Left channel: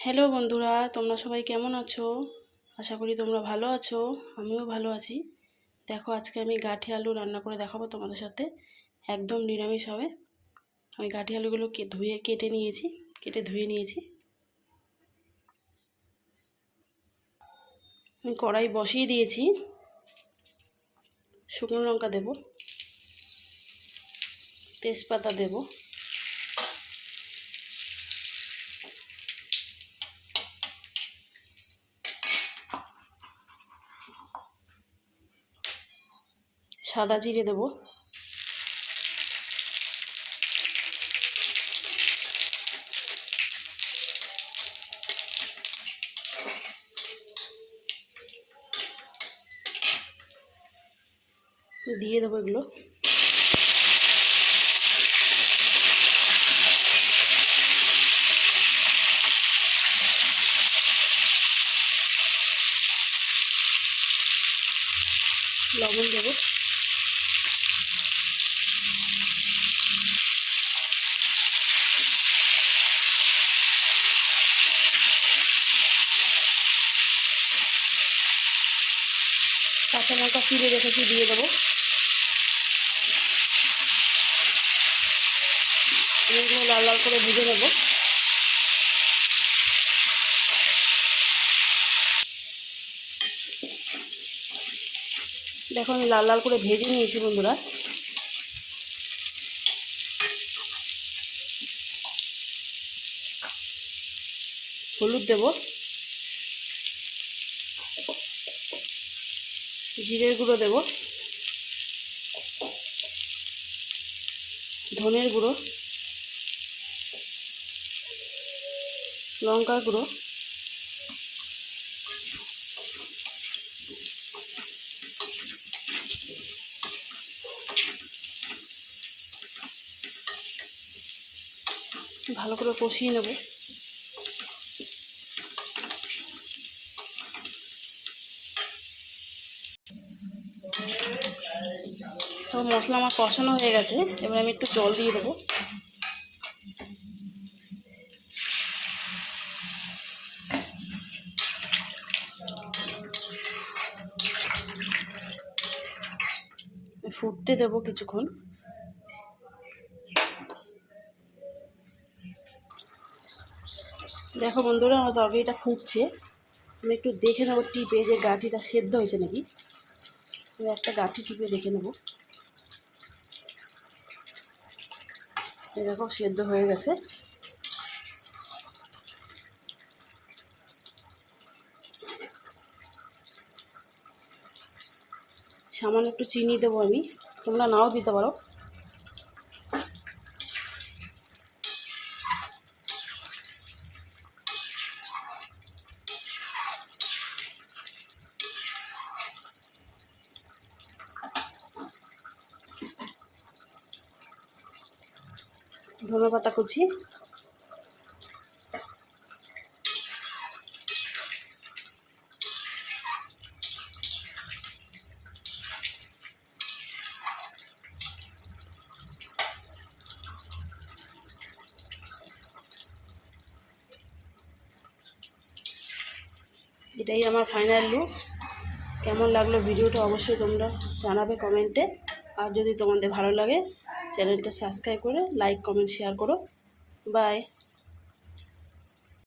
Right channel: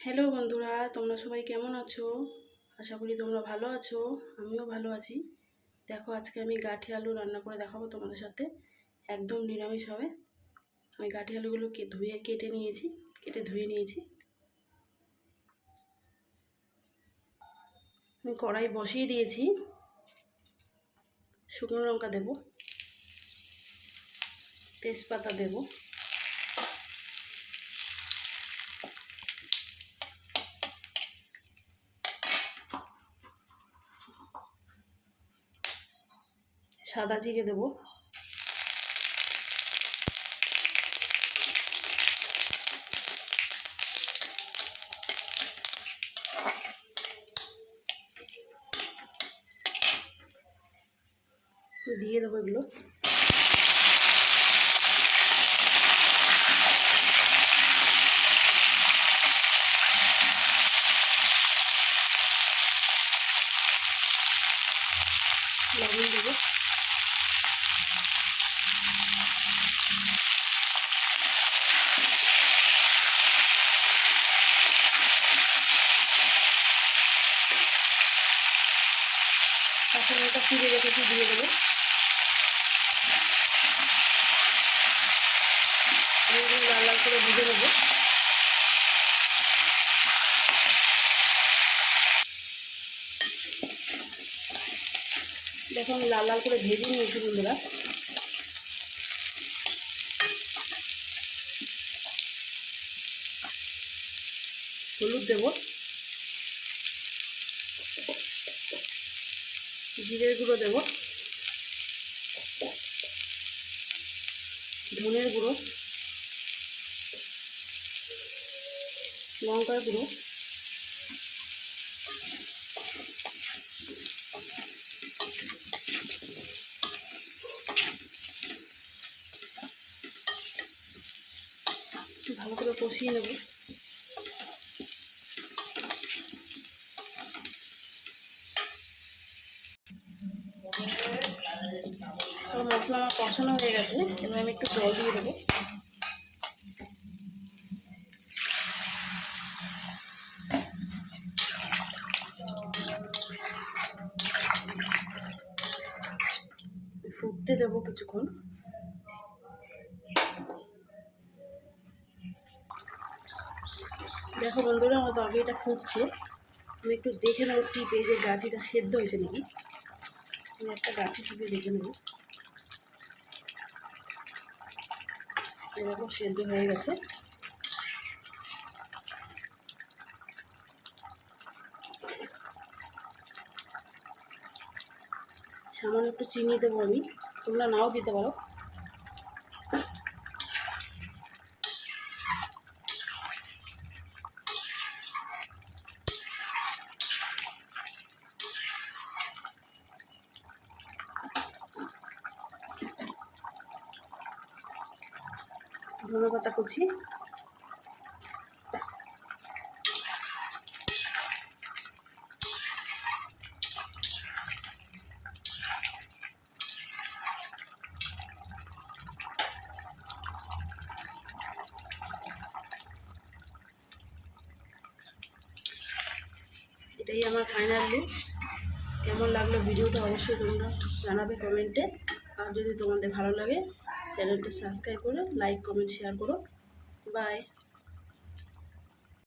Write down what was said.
Hello বন্ধুরা, তোমরা সবাই কেমন আছো? আশা করি তোমরা ভালো আছো। আমিও ভালো আছি। দেখো, আজকে আমি গাঠি আলু রান্না করে দেখাবো তোমাদের সাথে। একদম নিরামিষ হবে। আমি গাঠি আলুগুলোকে কেটে ধুয়ে নিয়েছি। আমি কড়াই বসিয়ে দিয়েছি। শুকনো লঙ্কা দেব, তেজপাতা দেব, সাদা জিরে দেব, দিয়ে দেবো এগুলো। লবণ দেবো, কাঁচা লঙ্কা চিড়ে রেখেছি, দিয়ে দেবো। এগুলো লাল লাল করে ভেজে নেবো। দেখো, আমি লাল লাল করে ভেজে নিয়েছি বন্ধুরা। হলুদ দেব, জিরের গুঁড়ো দেব, ধনের গুঁড়ো, লঙ্কার গুঁড়ো, ভালো করে কষিয়ে নেব। তো মশলা আমার কষানো হয়ে গেছে, এবার আমি একটু জল দিয়ে দেবো। ফুটতে দেবো কিছুক্ষণ। দেখো বন্ধুরা, আমার তরকারিটা ফুটছে। আমি একটু দেখে নেবো টিপে যে গাঠিটা সেদ্ধ হয়েছে নাকি। আমি একটা গাঠি টিপে দেখে নেবো। দেখো, সেদ্ধ হয়ে গেছে। সামান্য একটু চিনি দেবো আমি, তোমরা নাও দিতে পারো। ধনেপাতা কুচি, এটাই আমার ফাইনাল লুক। কেমন লাগলো ভিডিওটা অবশ্যই তোমরা জানাবে কমেন্টে। আর যদি তোমাদের ভালো লাগে, চ্যানেলটা সাবস্ক্রাইব করে লাইক, কমেন্ট, শেয়ার করো। বাই।